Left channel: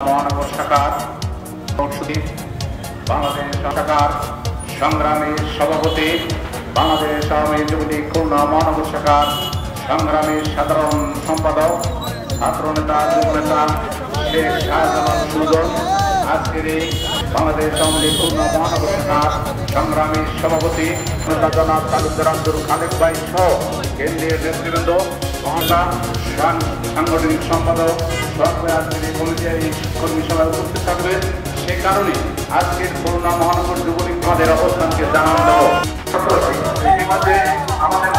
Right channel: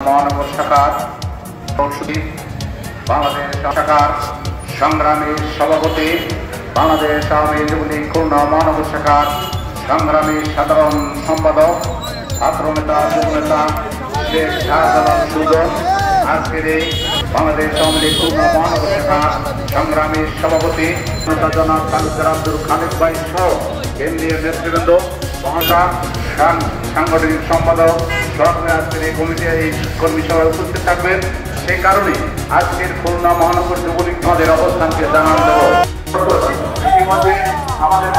মহানগর শাখার বাংলাদেশ শাখার সংগ্রামী সভাপতি, বাংলাদেশ আওয়ামী যুবলীগ খুলনা মহানগর শাখার সংগ্রামী সাধারণ সম্পাদক, ছাত্রনেতা যুবনেতা শেখ শাহজালাল সুজন, আজকের এই বাংলাদেশ আওয়ামী লীগ খুলনা মহানগর শাখার সংগ্রামী সভাপতি নেতা জনাব তালুকদার আব্দুল খালেক ভাই সহ কেন্দ্রীয় নেতৃবৃন্দ, সাংগঠনিক সম্পাদক সরকারের আজকের এই কর্মী সভায় উপস্থিত থাকবেন। সেই কারণে আজকের খুলনা মহানগর যুবলীগ আমাদের অবস্থানকে জানান দেব। আমাদের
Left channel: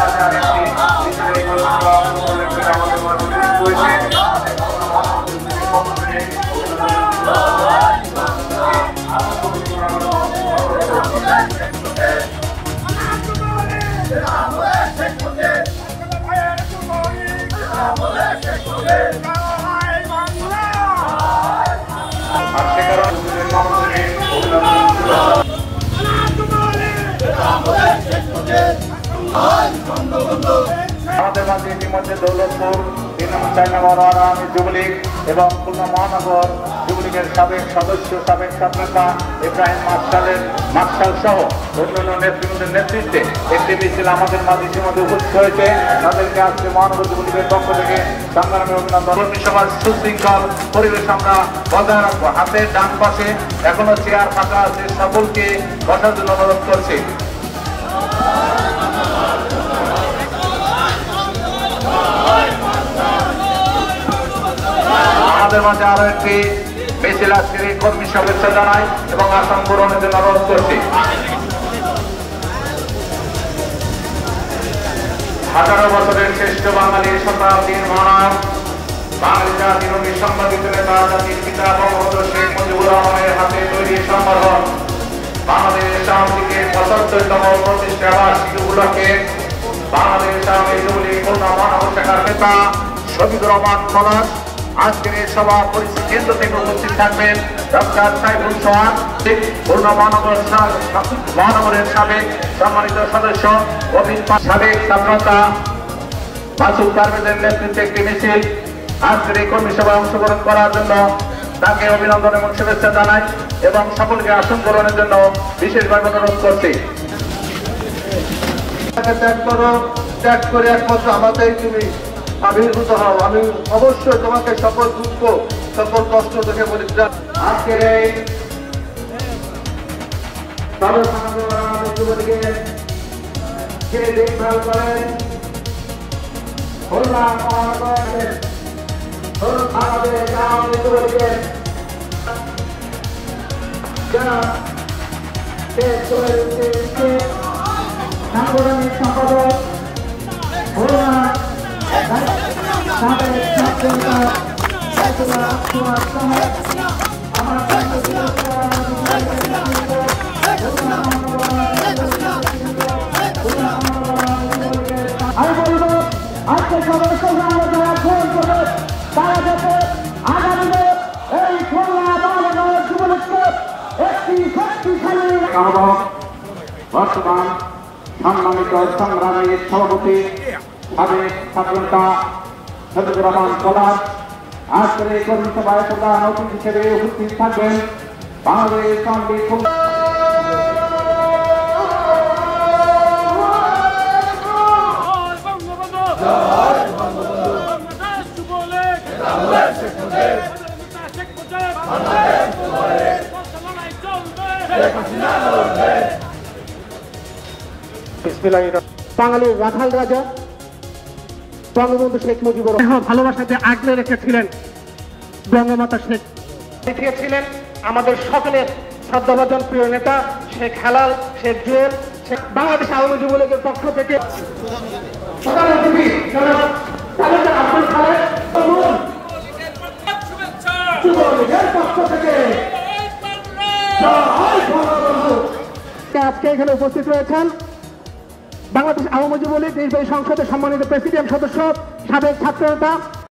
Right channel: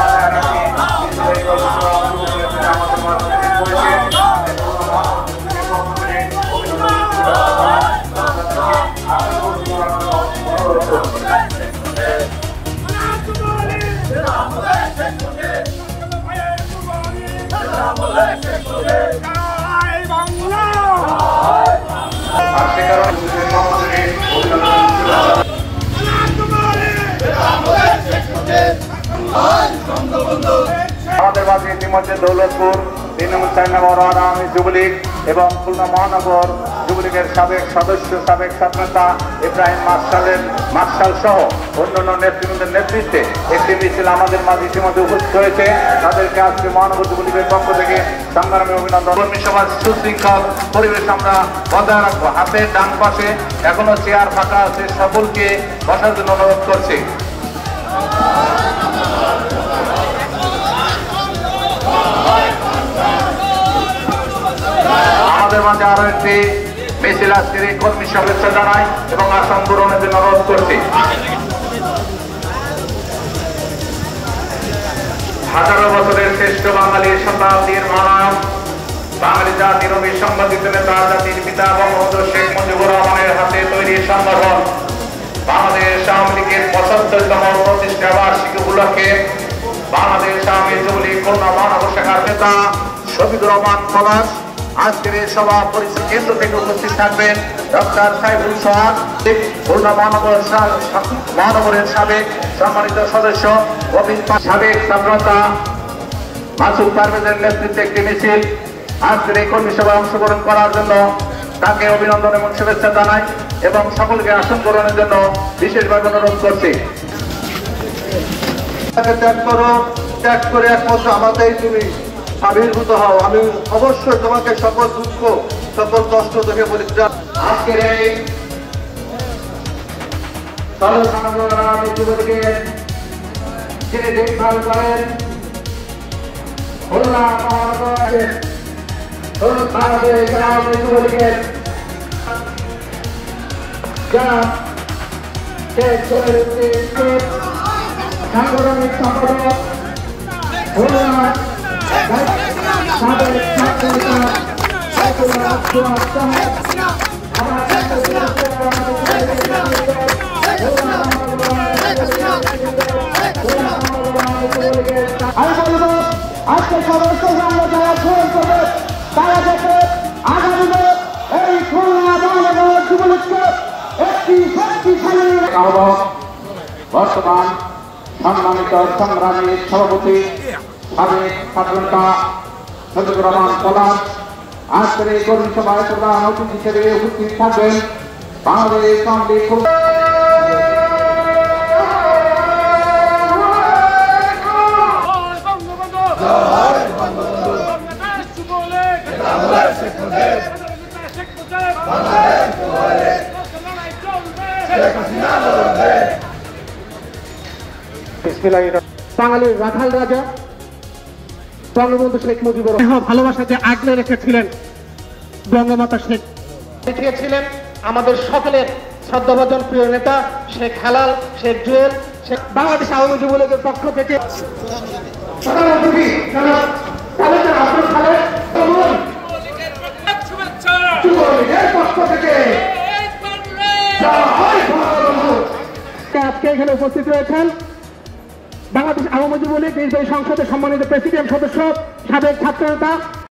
আর সে কারণে আমাদের মাঝে ইতিমধ্যে দৌলতপুর 3 নম্বর 4 নম্বর আওয়ামী যুবলীগ এবং খুলনা মহানগর যুবলীগের সাবেক সদস্য, সাবেক ছাত্রনেতা ইব্রাহিম মার্শাল সহ অন্যান্য নেতৃবৃন্দের নেতৃত্বে একটি মিছিল আমাদের মাঝে ইতিমধ্যে উপস্থিত হয়েছে। তাদেরকে আজকে মহানগর যুবলীগের পক্ষ থেকে সংগ্রামী অভিনন্দন। কর্মী সভার সুশৃঙ্খল পরিবেশ আমরা বজায় রাখবো। হাতের ডান পাশে এখনো চেয়ার ফাঁকা আছে, সকলকে বসার জন্য অনুরোধ করছি। আমাদের মাঝে আরো একটি মিছিল আজকের এই কর্মী সদস্য জানাই এবং আসাম পূরণের জন্য অনুরোধ করছি। হাজারো বছরের শ্রেষ্ঠ বাঙালি শতাব্দীর মহান বাঙালি জাতির সংবাদিত নেতা, জাতির পিতা বঙ্গবন্ধু শেখ মুজিবুর রহমানের হাতে তৈরি সংগঠন বাংলাদেশ আওয়ামী লীগের ৭৫তম প্রতিষ্ঠা বার্ষিকী উপলক্ষে বাংলাদেশ আওয়ামী যুবলীগ খুলনা মহানগর শাখার নেতা শফিকুর রহমান পলাশ আজকের এই সভা পরিস্থিতি কেন্দ্র থেকে উপস্থিত থাকবেন। ডক্টর সাইফুল সোহাগ খুলনা মহানগরের সাবেক সম্মানিত সদস্য, সাবেক ছাত্রনেতা মাসুদ পারভেজের নেতৃত্বে একটি মিছিল আজকের এই কর্মী সভায় অংশগ্রহণ করার জন্য তাকে অভিনন্দন এবং শুভেচ্ছা জানাই এবং সকলকে আসন গ্রহণের জন্য বিশেষভাবে অনুরোধ করছি। ত্যাগ করে একমাত্র আমাদের তুমি আবির্ভূত হও। আমি অবশ্যই তোমাকে সকল দুঃখ, সকল কষ্ট দেখে বলি যুবলীগের যিনি দেখভাল করেন খুলনা মহানগরের যুবলীগের সাংগঠনিক সম্পাদক আমি বলব আজকে সদস্য যারা গ্রহণ করবে তারা যাতে আগামী এই খুলনা মহানগর যুবলীগকে একটি শক্তিশালী আহ্বায়ক, বর্তমান সম্মানিত সংগ্রামী সভাপতি, সাবেক ছাত্রনেতা শফিকুর রহমান পলাশ আজকের এই কর্মী সভায় প্রধান অতিথি হিসেবে উপস্থিত থাকবেন। বাংলাদেশ আওয়ামী লীগ বাঙালির রাখাল রাজা বঙ্গবন্ধু শেখ মুজিবুর রহমান ভালোবাসাতে আগলে রেখেছিলেন। বঙ্গমাতা শেখ দেখিয়েছিলেন আমাদের সকলের শ্রদ্ধাভাজন প্রিয় নেতা শেখ হালাল, শেখ জুয়েল, বাংলাদেশ আওয়ামী যুবলীগের পক্ষ থেকে আজকে এখানে উপস্থিত রয়েছেন বাংলাদেশ আওয়ামী যুবলীগ নির্বাহী সংসদের সম্মানিত প্রেসিডেন্ট সদস্য, সাবেক ছাত্রনেতা